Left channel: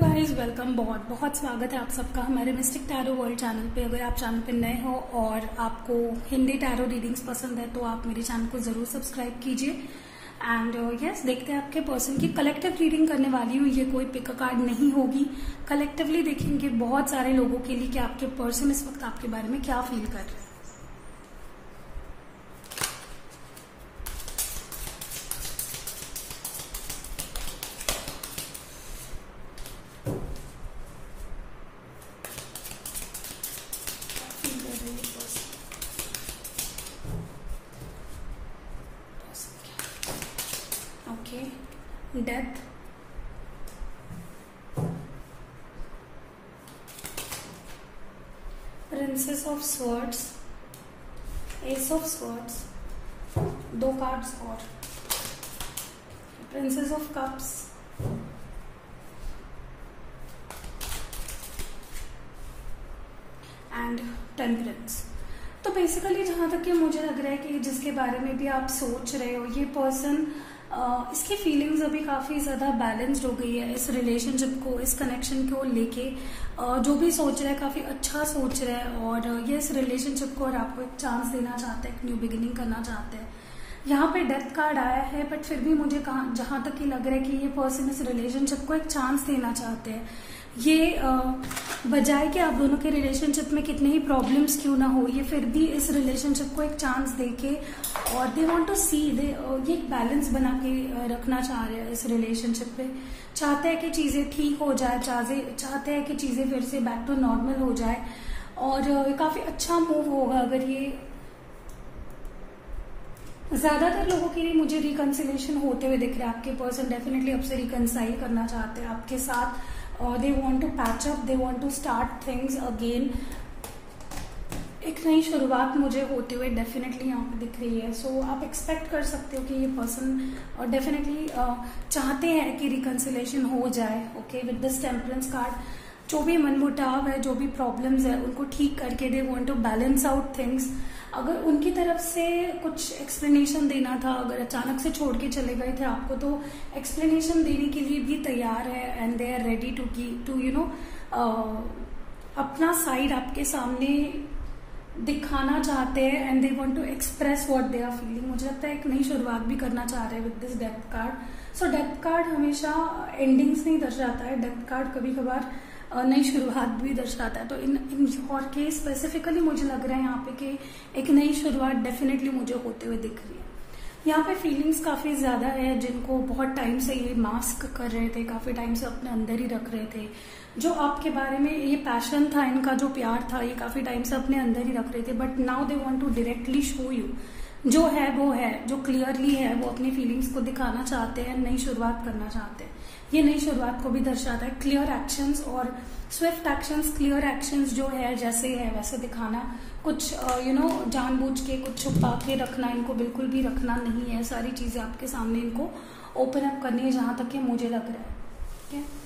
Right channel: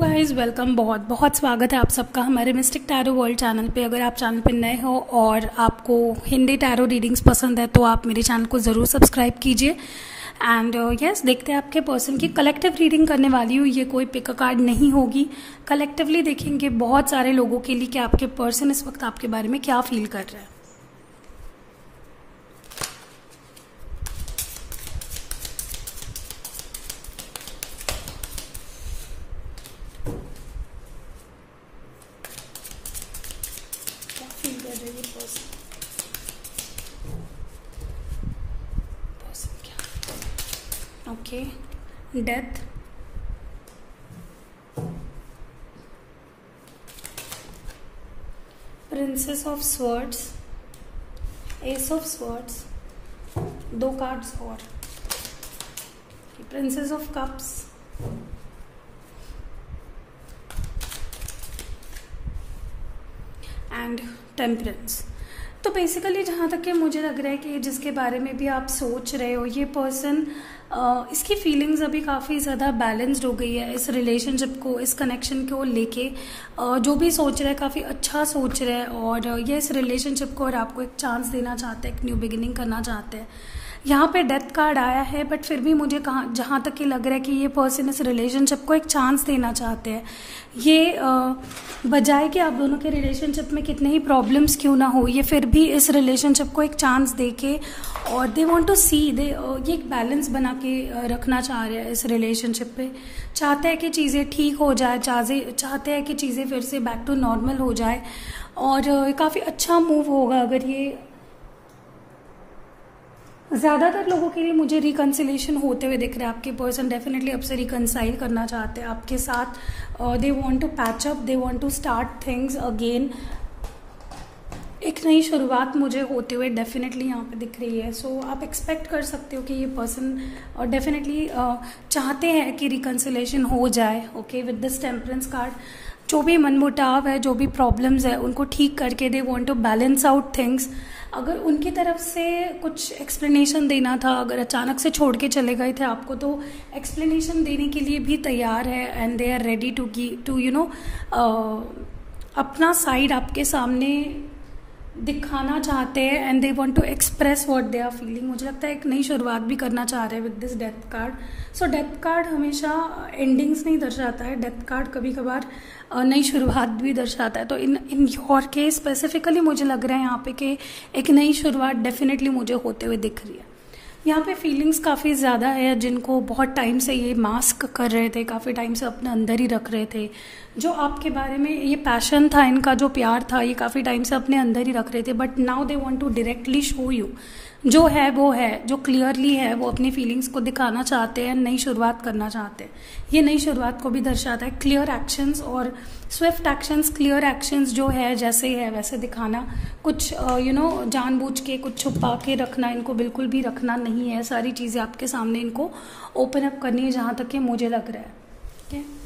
Guys welcome, बहुत बहुत स्वागत है आप सबका हमारे मिस्टिक टैरो वर्ल्ड चैनल पे। अगर आप चैनल पे नए हो और आपको हिंदी टैरो रीडिंग्स पसंद है तो आप मेरे चैनल को ज़रूर सब्सक्राइब कीजिए। एंड यस, देखते हैं आपके पर्सन की कलेक्टिव रीडिंग करने वाली हूँ। ये कोई पिक कार्ड नहीं होगी, कलेक्टिवली देखेंगे बहुत सारे लोगों के लिए कि आपके पर्सन इस वक्त आपके बारे में क्या फील कर रहे हैं। Okay, death, princess of swords, S of swords, दो कार्ड्स और princess of cups, and temperance. तो बेसिकली जहाँ तक कि मुझे लग रहा है कि जिसके बारे में भी आप सोच रहे हो, ये पर्सन इसकी फीलिंग्स अभी काफ़ी ज़्यादा बैलेंस्ड हो गई है इस रिलेशनशिप को, इस कनेक्शन को लेके। जो भी सोच रहा है काफ़ी अच्छा सोच रहा है और ये इस रिलेशनशिप को और आपको एक चांस देना चाहते हैं, एक न्यू बिगिनिंग करना चाहते हैं। यहाँ पे डेथ कार्ड आया है, बट फिर भी मुझे जहाँ तक कि लग रहा है कि ये पर्सन इस रिलेशनशिप को एक चांस देना चाहते हैं। ये बजाय कि आप दोनों के रिलेशनशिप में कितने ही प्रॉब्लम्स क्यों ना हो, ये फिर भी इस रिलेशनशिप को एक चांस देके और दे वांट टू सी ये एक बैलेंस बना के रखना चाह रहे हैं इस रिलेशनशिप पे। चाहते हैं कि चीज़ें ठीक हो जाए, चाहते हैं कि चीज़ें फिर से बैक टू नॉर्मल हो जाए और काफ़ी अच्छा मूव होगा अगर ये। ज़्यादातर लोगों के लिए मुझे रिकन्सिलेशन होते हुए दिख रहा है। आपके पर्सन डेफिनेटली आपसे रिकन्साइल करना चाहते हैं आपके साथ। They want to patch up, they want to start things again. एक नई शुरुआत मुझे होते हुए डेफिनेटली यहाँ पे दिख रही है। सो आप एक्सपेक्ट कर सकते हो कि ये पर्सन और डेफिनेटली चाहते हैं कि रिकन्सिलेशन हो जाए। Okay, with this temperance card, जो भी मनमुटाव है, जो भी प्रॉब्लम्स है, उनको ठीक करके they want to balance out things. अगर उनकी तरफ से कुछ एक्सप्लेनेशन देना था, अगर अचानक से छोड़ के चले गए थे आपको, तो एक्सप्लेनेशन देने के लिए भी तैयार है and they are ready to you know अपना साइड आपके सामने दिखाना चाहते हैं and they want to express what they are feeling. मुझे लगता है एक नई शुरुआत भी करना चाह रहे हैं with this death card. So death card हमेशा एंडिंग्स नहीं दर्शाता है, डेथ कार्ड कभी कभार नई शुरुआत भी दर्शाता है। तो इन योर केस स्पेसिफिकली मुझे लग रहा है यहाँ पे कि एक नई शुरुआत डेफिनेटली मुझे होते हुए दिख रही है। यहाँ पे फीलिंग्स काफ़ी ज़्यादा है जिनको बहुत टाइम से ये मास्क कर रहे थे, काफ़ी टाइम से अपने अंदर ही रख रहे थे। जो आपके बारे में ये पैशन था, इनका जो प्यार था, ये काफ़ी टाइम से अपने अंदर ही रख रहे थे। But now they want to directly show you, जो है वो है, जो क्लियरली है, वो अपनी फीलिंग्स को दिखाना चाहते हैं, नई शुरुआत करना चाहते हैं। ये नई शुरुआत को भी दर्शाता है, क्लियर एक्शंस और स्विफ्ट एक्शंस। क्लियर एक्शंस जो है जैसे है वैसे दिखाना, कुछ जानबूझ के कुछ छुपा के रखना इनको बिल्कुल भी रखना नहीं है। सारी चीज़ें आपके सामने इनको ओपन अप करनी है, जहाँ तक कि मुझे लग रहा है। ठीक है,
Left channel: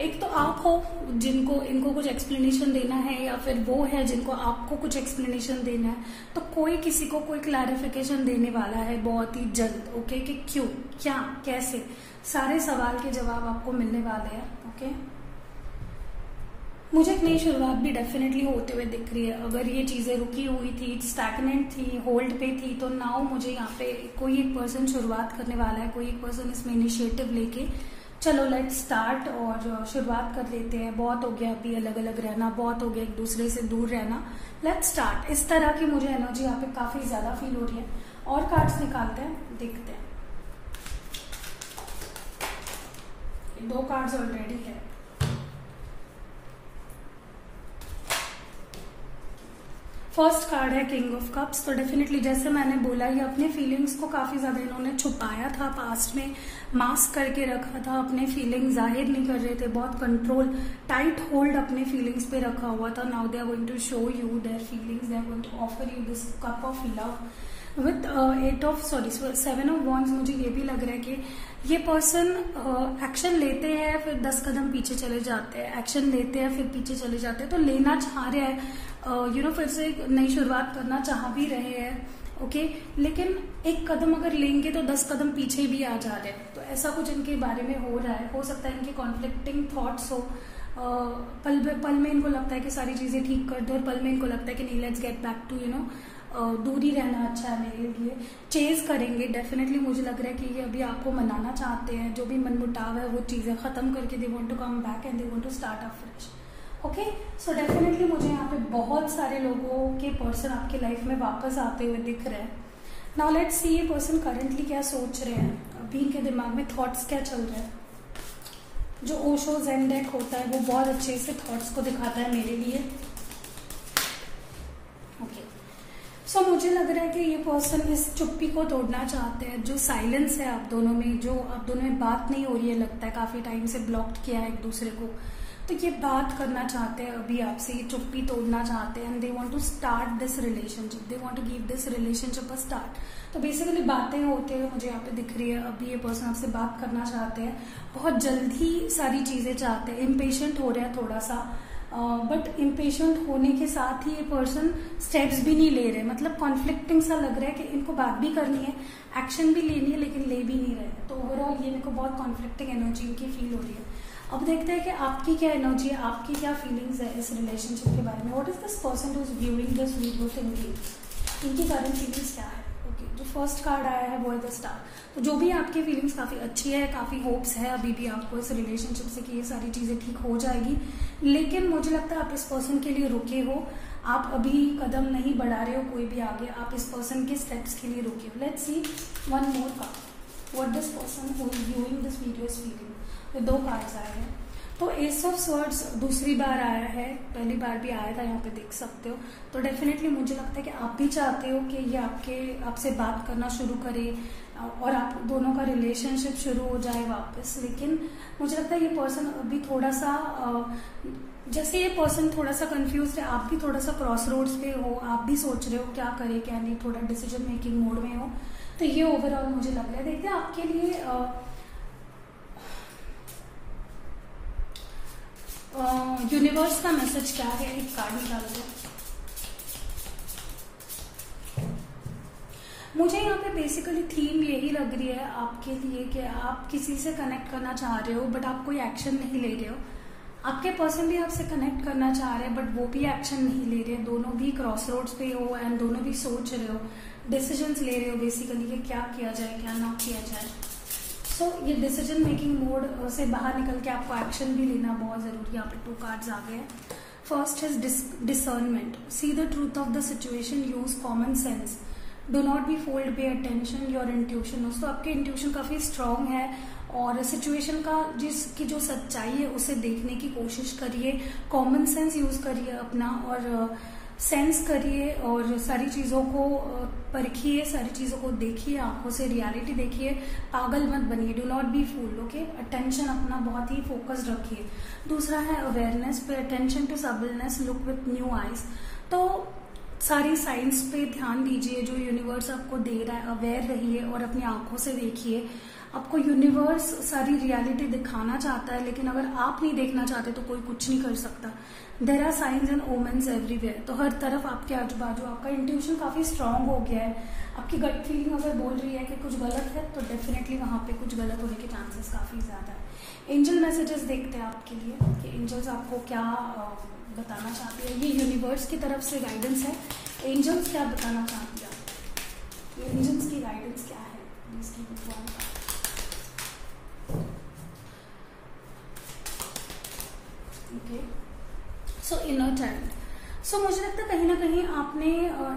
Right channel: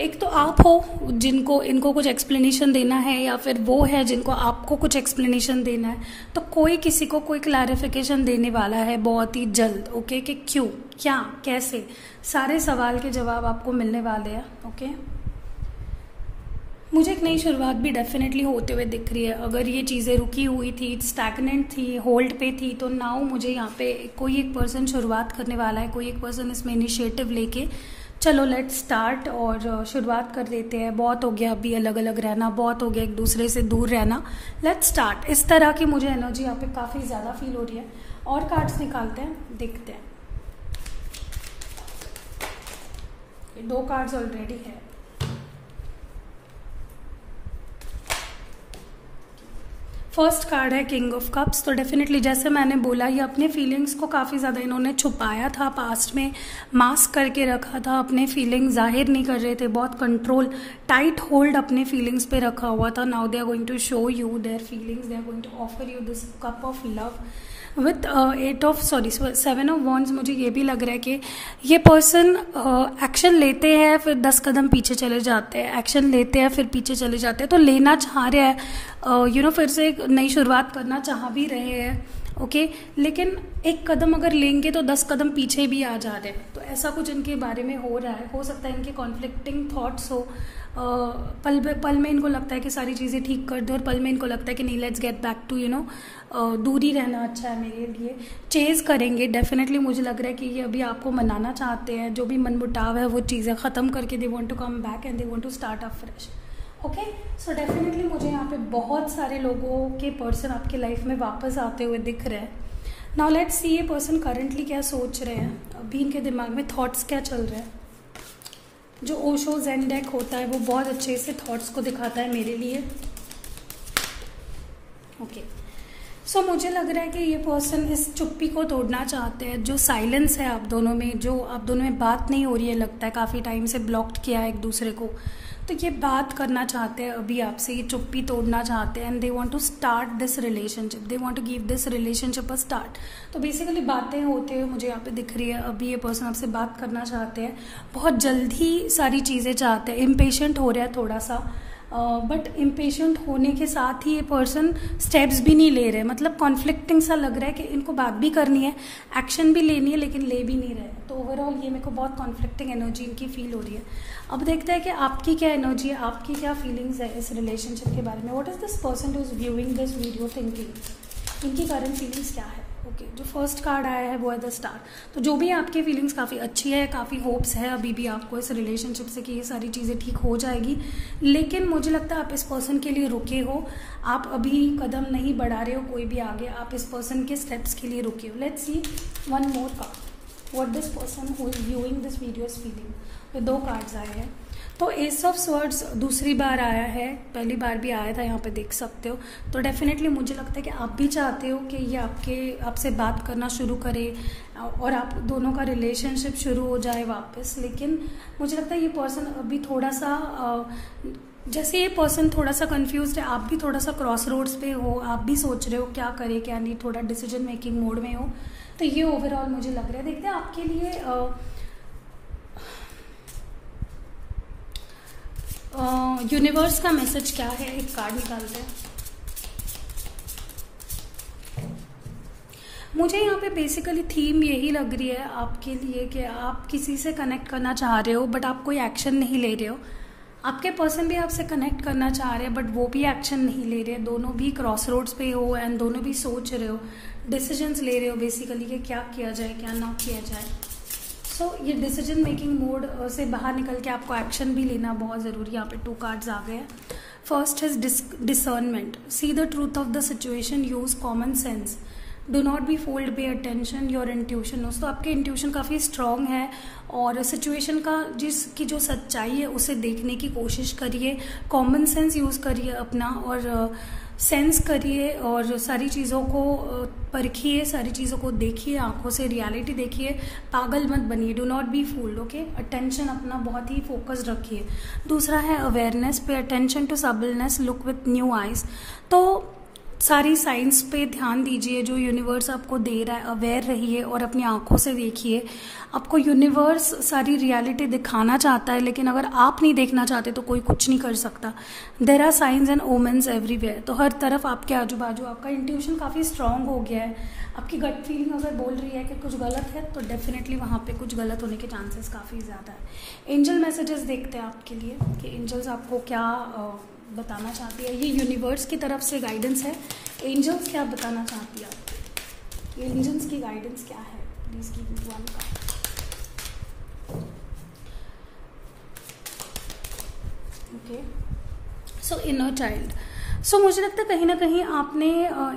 एक तो आप हो जिनको इनको कुछ एक्सप्लेनेशन देना है, या फिर वो है जिनको आपको कुछ एक्सप्लेनेशन देना है। तो कोई किसी को कोई क्लैरिफिकेशन देने वाला है बहुत ही जल्द। ओके, कि क्यों, क्या, कैसे, सारे सवाल के जवाब आपको मिलने वाले हैं। ओके, मुझे एक नई शुरुआत भी डेफिनेटली होते हुए दिख रही है। अगर ये चीज़ें रुकी हुई थी, स्टैग्नेंट थी, होल्ड पे थी, तो नाउ मुझे यहाँ पे कोई एक पर्सन शुरुआत करने वाला है, कोई एक पर्सन इसमें इनिशिएटिव लेके चलो लेट्स स्टार्ट और शुरुआत कर लेते हैं। बहुत हो गया अभी अलग अलग रहना, बहुत हो गया एक दूसरे से दूर रहना, लेट्स स्टार्ट। इस तरह की मुझे एनर्जी यहाँ पे काफ़ी ज़्यादा फील हो रही है। और कार्ड्स निकालते हैं, देखते हैं। दो कार्ड्स ऑलरेडी है। फर्स्ट कार्ड है किंग ऑफ कप्स। तो डेफिनेटली जैसे मैंने बोला, ये अपने फीलिंग्स को काफ़ी ज़्यादा इन्होंने छुपाया था, पास्ट में मास्क करके रखा था, अपने फीलिंग्स जाहिर नहीं कर रहे थे, बहुत कंट्रोल, टाइट होल्ड अपने फीलिंग्स पे रखा हुआ था। Now they are going to show you their feelings, they are going to offer you this cup of love with 7 of wands. मुझे ये भी लग रहा है कि ये पर्सन एक्शन लेते हैं फिर 10 कदम पीछे चले जाते हैं, एक्शन लेते हैं फिर पीछे चले जाते हैं। तो लेना चाह रहे हैं, फिर से एक नई शुरुआत करना चाह भी रहे हैं ओके, लेकिन एक कदम अगर लेंगे तो 10 कदम पीछे भी आ जा रहे हैं। तो ऐसा कुछ इनके बारे में हो रहा है। हो सकता है इनके कॉन्फ्लिक्टिंग थॉट्स हो, पल में इनको लगता है कि सारी चीजें ठीक कर दो, और पल में इनको लगता है कि नहीं, लेट्स गेट बैक टू दूरी रहना अच्छा है मेरे लिए। चेज करेंगे डेफिनेटली, मुझे लग रहा है कि ये अभी आपको मनाना चाहते हैं। जो भी मनमुटाव है वो चीजें खत्म करके they want to come back and they want to start up fresh. Okay, so definitely मुझे यहाँ पे बहुत सारे लोगों के पर्सन आपके लाइफ में वापस आते हुए दिख रहे हैं। नाउ लेट्स सी ये पर्सन करंटली क्या सोच रहे हैं, अभी इनके दिमाग में थॉट्स क्या चल रहे हैं। जो ओशो ज़ेन डेक होता है वो बहुत अच्छे से थॉट्स को दिखाता है मेरे लिए। ओके, सो मुझे लग रहा है कि ये पर्सन इस चुप्पी को तोड़ना चाहते हैं। जो साइलेंस है आप दोनों में, जो आप दोनों में बात नहीं हो रही है, लगता है काफी टाइम से ब्लॉक्ड किया है एक दूसरे को, तो ये बात करना चाहते हैं अभी आपसे, ये चुप्पी तोड़ना चाहते हैं। And they want to start this relationship, they want to give this relationship a start. तो बेसिकली बातें होते हुए मुझे यहाँ पे दिख रही है, अभी ये पर्सन आपसे बात करना चाहते हैं, बहुत जल्दी सारी चीजें चाहते हैं, इम्पेशेंट हो रहा है थोड़ा सा, बट इम्पेशेंट होने के साथ ही ये पर्सन स्टेप्स भी नहीं ले रहे। मतलब कॉन्फ्लिक्टिंग सा लग रहा है कि इनको बात भी करनी है, एक्शन भी लेनी है, लेकिन ले भी नहीं रहे। तो ओवरऑल ये मेरे को बहुत कॉन्फ्लिक्टिंग एनर्जी इनकी फील हो रही है। अब देखते हैं कि आपकी क्या एनर्जी है, आपकी क्या फीलिंग्स है इस रिलेशनशिप के बारे में। What is this person who is viewing this video thinking, इनकी करंट फीलिंग्स क्या है। ओके, जो फर्स्ट कार्ड आया है वो है द स्टार। तो जो भी आपकी फीलिंग्स काफी अच्छी है, काफी होप्स है अभी भी आपको इस रिलेशनशिप से कि ये सारी चीजें ठीक हो जाएगी, लेकिन मुझे लगता है आप इस पर्सन के लिए रुके हो, आप अभी कदम नहीं बढ़ा रहे हो कोई भी आगे, आप इस पर्सन के स्टेप्स के लिए रुके हो। Let's see one more card, what this person who is viewing this video is feeling. तो 2 कार्ड्स आए हैं। तो एस ऑफ स्वर्ड्स दूसरी बार आया है, पहली बार भी आया था, यहाँ पे देख सकते हो। तो डेफिनेटली मुझे लगता है कि आप भी चाहते हो कि ये आपसे बात करना शुरू करे और आप दोनों का रिलेशनशिप शुरू हो जाए वापस। लेकिन मुझे लगता है ये पर्सन अभी थोड़ा सा, जैसे ये पर्सन थोड़ा सा कंफ्यूज्ड है, आप भी थोड़ा सा क्रॉस रोड्स पे हो, आप भी सोच रहे हो क्या करे क्या नहीं, थोड़ा डिसीजन मेकिंग मोड में हो। तो ये ओवरऑल मुझे लग रहा है। देखते हैं आपके लिए यूनिवर्स का मैसेज क्या है, एक कार्ड निकालते हैं। मुझे यहाँ पे बेसिकली थीम यही लग रही है आपके लिए कि आप किसी से कनेक्ट करना चाह रहे हो बट आप कोई एक्शन नहीं ले रहे हो। आपके पर्सन भी आपसे कनेक्ट करना चाह रहे हैं बट वो भी एक्शन नहीं ले रहे। दोनों भी क्रॉस रोड्स पे हो एंड दोनों भी सोच रहे हो, डिसीजंस ले रहे हो बेसिकली कि क्या किया जाए क्या ना किया जाए। सो ये डिसीजन मेकिंग मोड से बाहर निकल के आपको एक्शन भी लेना बहुत जरूरी है। यहाँ पे 2 कार्ड्स आ गए हैं। First is discernment, see the truth of the situation, use common sense, do not B fold, pay attention your intuition. दोस्तों आपकी इंट्यूशन काफी स्ट्रांग है और सिचुएशन का जिसकी जो सच्चाई है उसे देखने की कोशिश करिए, कॉमन सेंस यूज करिए अपना और सेंस करिए और सारी चीजों को परखिए, सारी चीजों को देखिए, आंखों से रियलिटी देखिए, पागल मत बनिए, do not be fooled. Okay, attention अपना बहुत ही फोकस्ड रखिए। दूसरा है awareness, pay attention to subtleness, look with new eyes. तो सारी साइंस पे ध्यान दीजिए जो यूनिवर्स आपको दे रहा है, अवेयर रहिए और अपनी आंखों से देखिए। आपको यूनिवर्स सारी रियलिटी दिखाना चाहता है, लेकिन अगर आप नहीं देखना चाहते तो कोई कुछ नहीं कर सकता। There are signs and omens everywhere. तो हर तरफ आपके आजू बाजू आपका इंट्यूशन काफी स्ट्रांग हो गया है। आपकी गट फीलिंग अगर बोल रही है कि कुछ गलत है तो डेफिनेटली वहां पे कुछ गलत होने के चांसेस काफी ज्यादा है। एंजल मैसेजेस देखते हैं आपके लिए कि एंजल्स आपको क्या बताना चाहती है। ये यूनिवर्स की तरफ से गाइडेंस है। एंजल्स क्या बताना चाहती है आपको, एंजल्स की गाइडेंस क्या है, please keep it one. Okay, so inner child. So मुझे लगता है कहीं ना कहीं आपने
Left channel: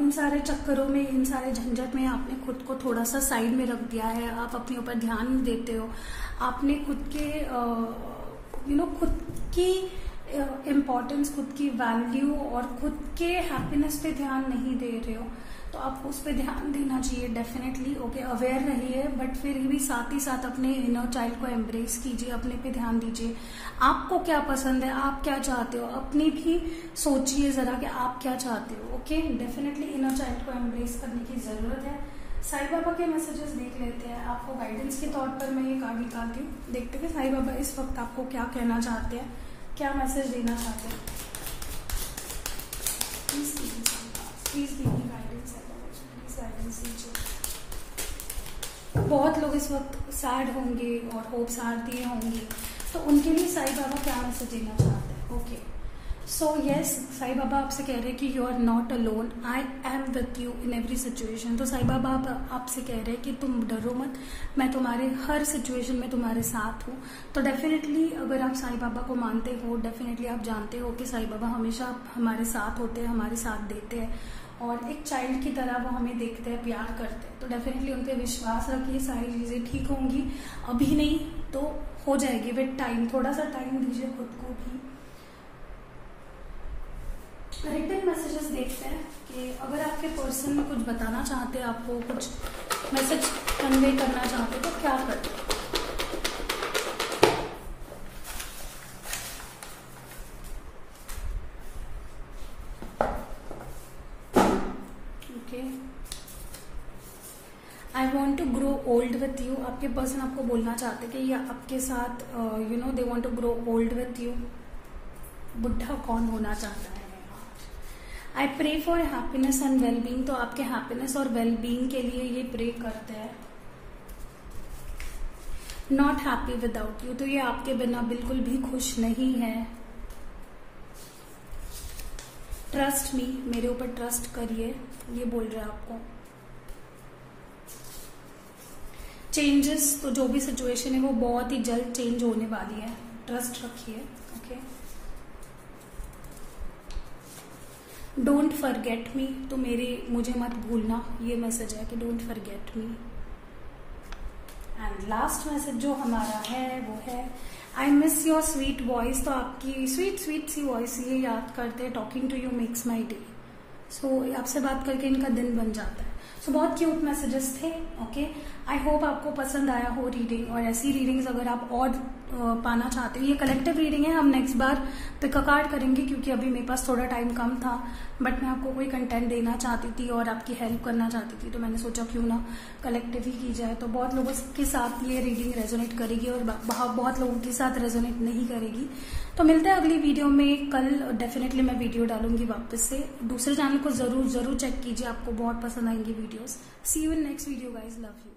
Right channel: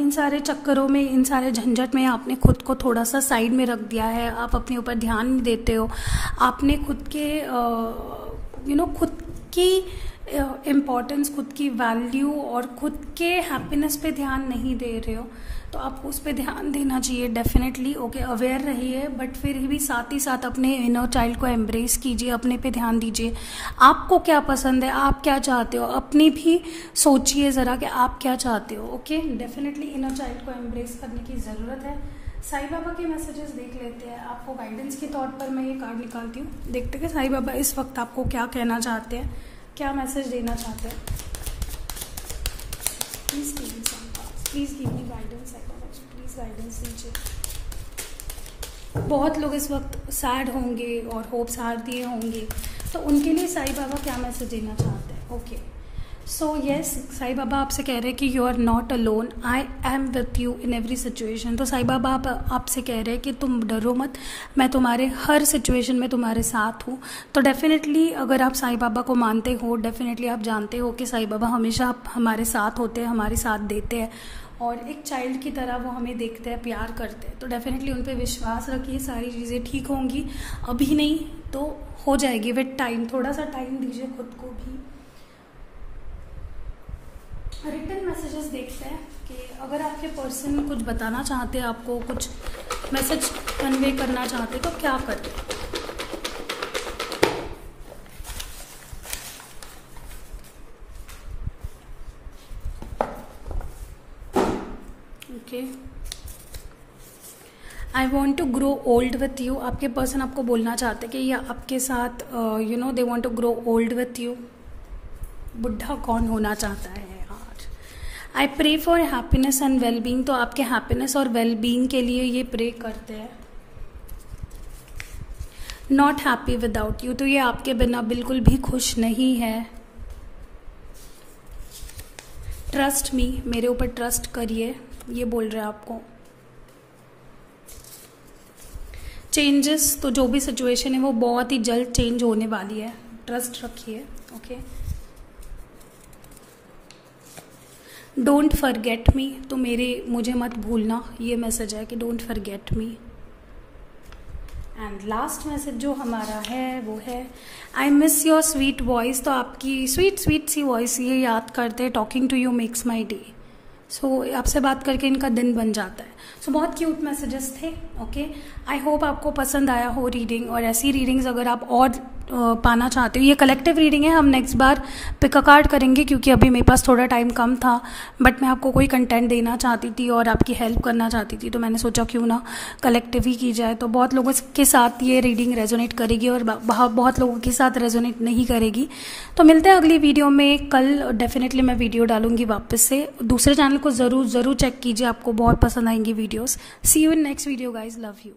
इन सारे चक्करों में, इन सारे झंझट में आपने खुद को थोड़ा सा साइड में रख दिया है। आप अपने ऊपर ध्यान नहीं देते हो, आपने खुद के खुद की इम्पोर्टेंस, खुद की वैल्यू और खुद के हैप्पीनेस पे ध्यान नहीं दे रहे हो। तो आपको उस पर ध्यान देना चाहिए डेफिनेटली। ओके, अवेयर रहिए बट फिर भी साथ ही साथ अपने इनर चाइल्ड को एम्ब्रेस कीजिए, अपने पे ध्यान दीजिए। आपको क्या पसंद है, आप क्या चाहते हो, अपनी भी सोचिए जरा कि आप क्या चाहते हो। ओके, डेफिनेटली इनर चाइल्ड को एम्ब्रेस करने की जरूरत है। साईं बाबा के मैसेजेस देख लेते हैं। आपको गाइडेंस के तौर पर मैं ये कार्ड निकालती हूँ, देखते हैं कि साईं बाबा इस वक्त आपको क्या कहना चाहते हैं, क्या मैसेज देना चाहते हैं। Please give me guidance, please guidance. Please दीजिए। बहुत लोग इस वक्त सैड होंगे और होप्स हार दिए होंगे, तो उनके लिए साईं बाबा क्या मैसेज देना चाहते हैं? Okay, so yes, Sai Baba आपसे कह रहे हैं कि you are not alone, I am with you in every situation. तो साईं बाबा आपसे कह रहे हैं कि तुम डरो मत, मैं तुम्हारे हर सिचुएशन में तुम्हारे साथ हूँ। तो डेफिनेटली अगर आप साईं बाबा को मानते हो, डेफिनेटली आप जानते हो कि साईं बाबा हमेशा हमारे साथ होते हैं, हमारे साथ देते हैं, और एक चाइल्ड की तरह वो हमें देखते हैं, प्यार करते हैं। तो डेफिनेटली उन पर विश्वास रखिए, सारी चीज़ें ठीक होंगी। अभी नहीं तो हो जाएगी विद टाइम, थोड़ा सा टाइम दीजिए खुद को भी। रिटन मैसेजेस देखते हैं कि अगर आपके पर्सन कुछ बताना चाहते हैं, आपको कुछ मैसेज कन्वे करना चाहते हैं, तो क्या करते हैं? Okay, I want to grow old with you. आपके पर्सन आपको बोलना चाहते हैं कि ये आपके साथ they want to grow old with you. बुढ़ा कौन होना चाहता है यार? I pray for happiness and well being. तो आपके हैप्पीनेस और वेल बीइंग के लिए ये प्रे करते हैं। Not happy without you. तो ये आपके बिना बिल्कुल भी खुश नहीं है। ट्रस्ट मी, मेरे ऊपर ट्रस्ट करिए, ये बोल रहे हैं आपको। चेंजेस, तो जो भी सिचुएशन है वो बहुत ही जल्द चेंज होने वाली है, ट्रस्ट रखिए। Okay, don't forget me. तो मुझे मत भूलना, ये मैसेज है कि don't forget me. And last message जो हमारा है वो है I miss your sweet voice. तो आपकी स्वीट स्वीट सी वॉइस ये याद करते हैं। Talking to you makes my day. So आपसे बात करके इनका दिन बन जाता है। सो बहुत क्यूट मैसेजेस थे। ओके, आई होप आपको पसंद आया हो रीडिंग, और ऐसी रीडिंग्स अगर आप और पाना चाहते हो, ये कलेक्टिव रीडिंग है, हम नेक्स्ट बार पिक अ कार्ड करेंगे क्योंकि अभी मेरे पास थोड़ा टाइम कम था, बट मैं आपको कोई कंटेंट देना चाहती थी और आपकी हेल्प करना चाहती थी, तो मैंने सोचा क्यों ना कलेक्टिव ही की जाए। तो बहुत लोगों के साथ ये रीडिंग रेजोनेट करेगी और बहुत लोगों के साथ रेजोनेट नहीं करेगी। तो मिलते हैं अगली वीडियो में। कल डेफिनेटली मैं वीडियो डालूंगी वापस से। दूसरे चैनल को ज़रूर चेक कीजिए, आपको बहुत पसंद आएंगी videos. See you in next video guys, love you.